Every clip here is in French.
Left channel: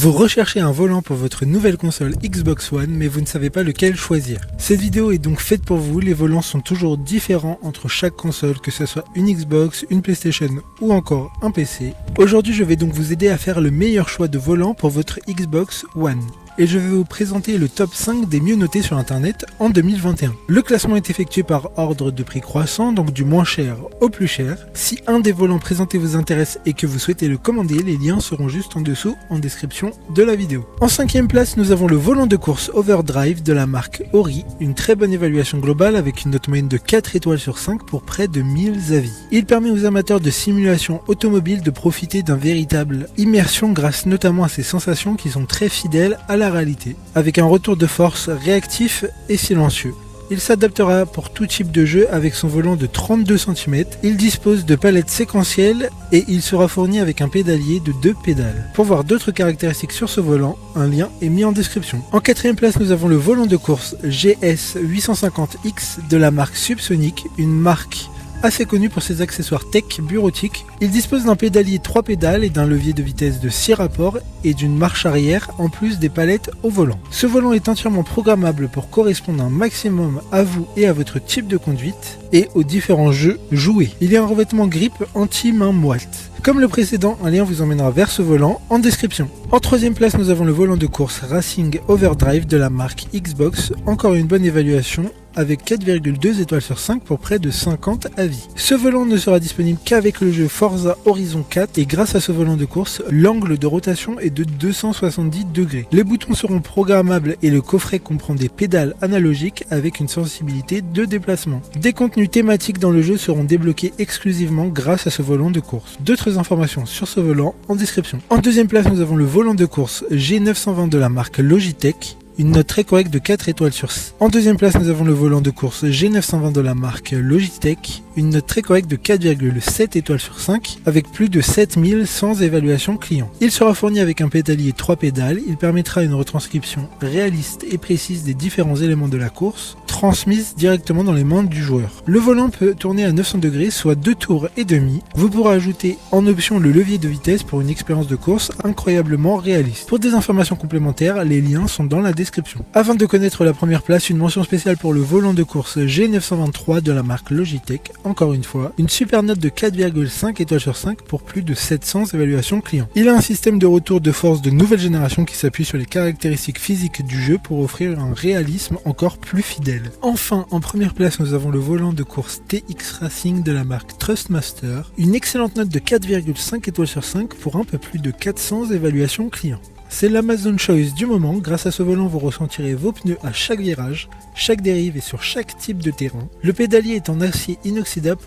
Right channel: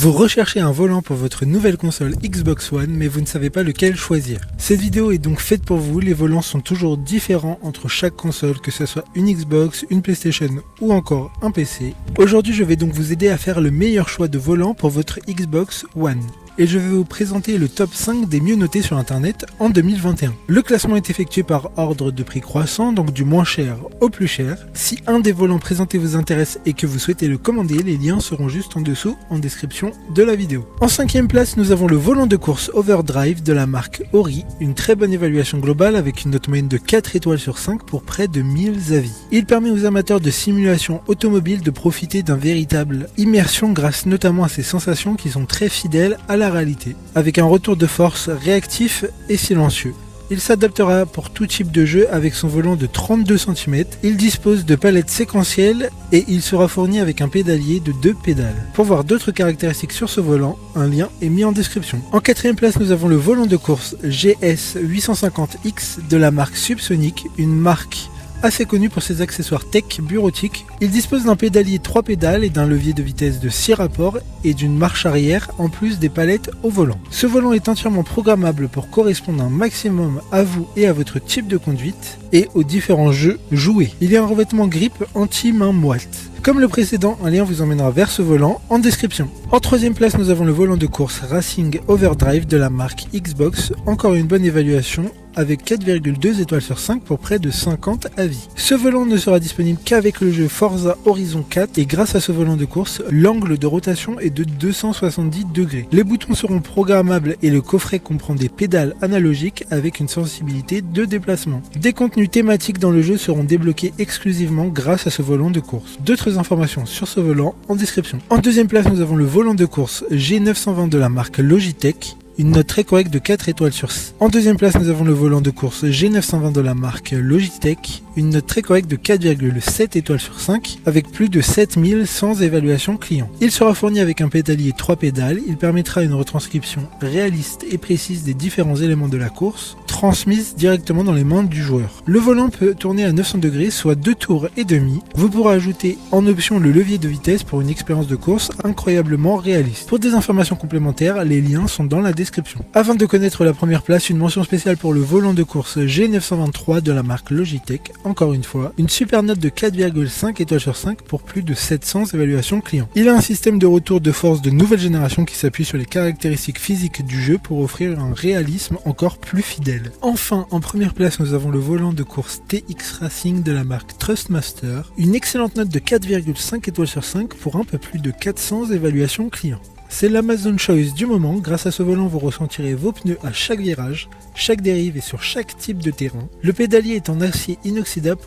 Vous recherchez un volant pour votre nouvelle console Xbox One, mais vous ne savez pas lequel choisir. Cette vidéo est donc faite pour vous, les volants sont toujours différents entre chaque console, que ce soit une Xbox, une PlayStation ou encore un PC. Aujourd'hui, je vais donc vous aider à faire le meilleur choix de volant pour votre Xbox One. Et je vais vous présenter le top 5 des mieux notés sur internet en 2021. Le classement est effectué par ordre de prix croissant, donc du moins cher au plus cher. Si un des volants présentés vous intéresse et que vous souhaitez le commander, les liens seront juste en dessous en description de la vidéo. En 5e place, nous avons le volant de course Overdrive de la marque Ori. Une très bonne évaluation globale avec une note moyenne de 4 étoiles sur 5 pour près de 1000 avis. Il permet aux amateurs de simulation automobile de profiter d'un véritable immersion grâce notamment à ses sensations qui sont très fidèles à la réalité, avec un retour de force réactif et silencieux. Il s'adaptera pour tout type de jeu avec son volant de 32 cm. Il dispose de palettes séquentielles et il sera fourni avec un pédalier de 2 pédales. Pour voir d'autres caractéristiques sur ce volant, un lien est mis en description. En 4e place, nous avons le volant de course GS 850X de la marque Subsonic, une marque assez connu pour ses accessoires tech bureautiques. Il dispose d'un pédalier 3 pédales et d'un levier de vitesse de 6 rapports et d'une marche arrière en plus des palettes au volant. Ce volant est entièrement programmable pour correspondre un maximum à vous et à votre type de conduite et aux différents jeux joués. Il y a un revêtement grip anti-main moite. Comme le précédent, un lien vous emmènera vers ce volant en description. En 3e place, nous avons le volant de course Racing Overdrive de la marque Xbox. Encore une bonne évaluation avec 4,2 étoiles sur 5 pour près de 50 avis. Ce volant ne sera disponible qu'avec le jeu Forza Horizon 4 et grâce à ce volant de course, l'angle de rotation est de 270 degrés. Les boutons seront programmables et le coffret comprend des pédales analogiques avec une sensibilité de déplacement. Des contenus thématiques dans le jeu seront débloqués exclusivement grâce à ce volant de course. D'autres informations sur ce volant en description. En 2e place, nous avons le volant de course G920 de la marque Logitech. Une note très correcte de 4 étoiles sur 6. En 2e place, nous avons le volant de course G920 de la marque Logitech. Une note très correcte de 4,7 étoiles sur 5 avec plus de 7100 évaluations clients. Il sera fourni avec un pédalier 3 pédales. Il permettra une retranscription réaliste et précise des différents éléments de la course transmise directement dans les mains du joueur. Le volant peut tourner à 900 degrés, soit 2 tours et demi. Vous pourrez ajouter en option le levier de vitesse pour une expérience de course incroyablement réaliste. Pour des informations complémentaires, les liens sont dans la description. Avant de connaître la première place, une mention spéciale pour le volant de course G923 de la marque Logitech. Encore une fois, une super note de 4,5 étoiles sur 5 pour plus de 700 évaluations clients. Il a un système de retour de force de nouvelle génération qui s'appuie sur les caractéristiques physiques du jeu pour offrir un réalisme encore plus fidèle. Enfin, en première place, nous avons le volant de course TX Racing de la marque Trustmaster. Une excellente note de 4,5 étoiles sur 5 pour un peu plus de 400 évaluations clients. C'est l'Amazon Choice du moment. Grâce à ce volant, vous ressentirez vos pneus à chaque virage, chaque dérive et sur chaque type de terrain. Le pédalier est en acier inoxydable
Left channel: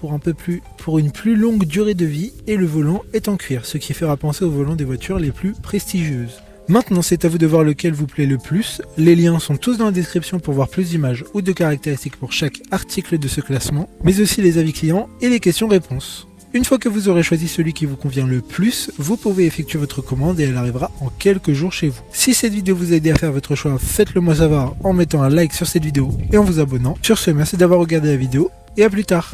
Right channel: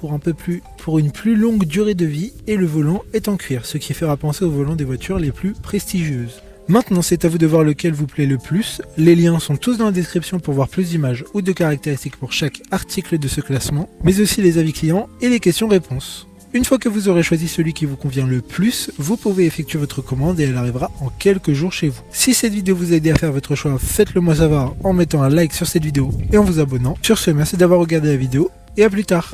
pour une plus longue durée de vie et le volant est en cuir, ce qui fera penser au volant des voitures les plus prestigieuses. Maintenant, c'est à vous de voir lequel vous plaît le plus. Les liens sont tous dans la description pour voir plus d'images ou de caractéristiques pour chaque article de ce classement, mais aussi les avis clients et les questions-réponses. Une fois que vous aurez choisi celui qui vous convient le plus, vous pouvez effectuer votre commande et elle arrivera en quelques jours chez vous. Si cette vidéo vous a aidé à faire votre choix, faites-le moi savoir en mettant un like sur cette vidéo et en vous abonnant. Sur ce, merci d'avoir regardé la vidéo et à plus tard.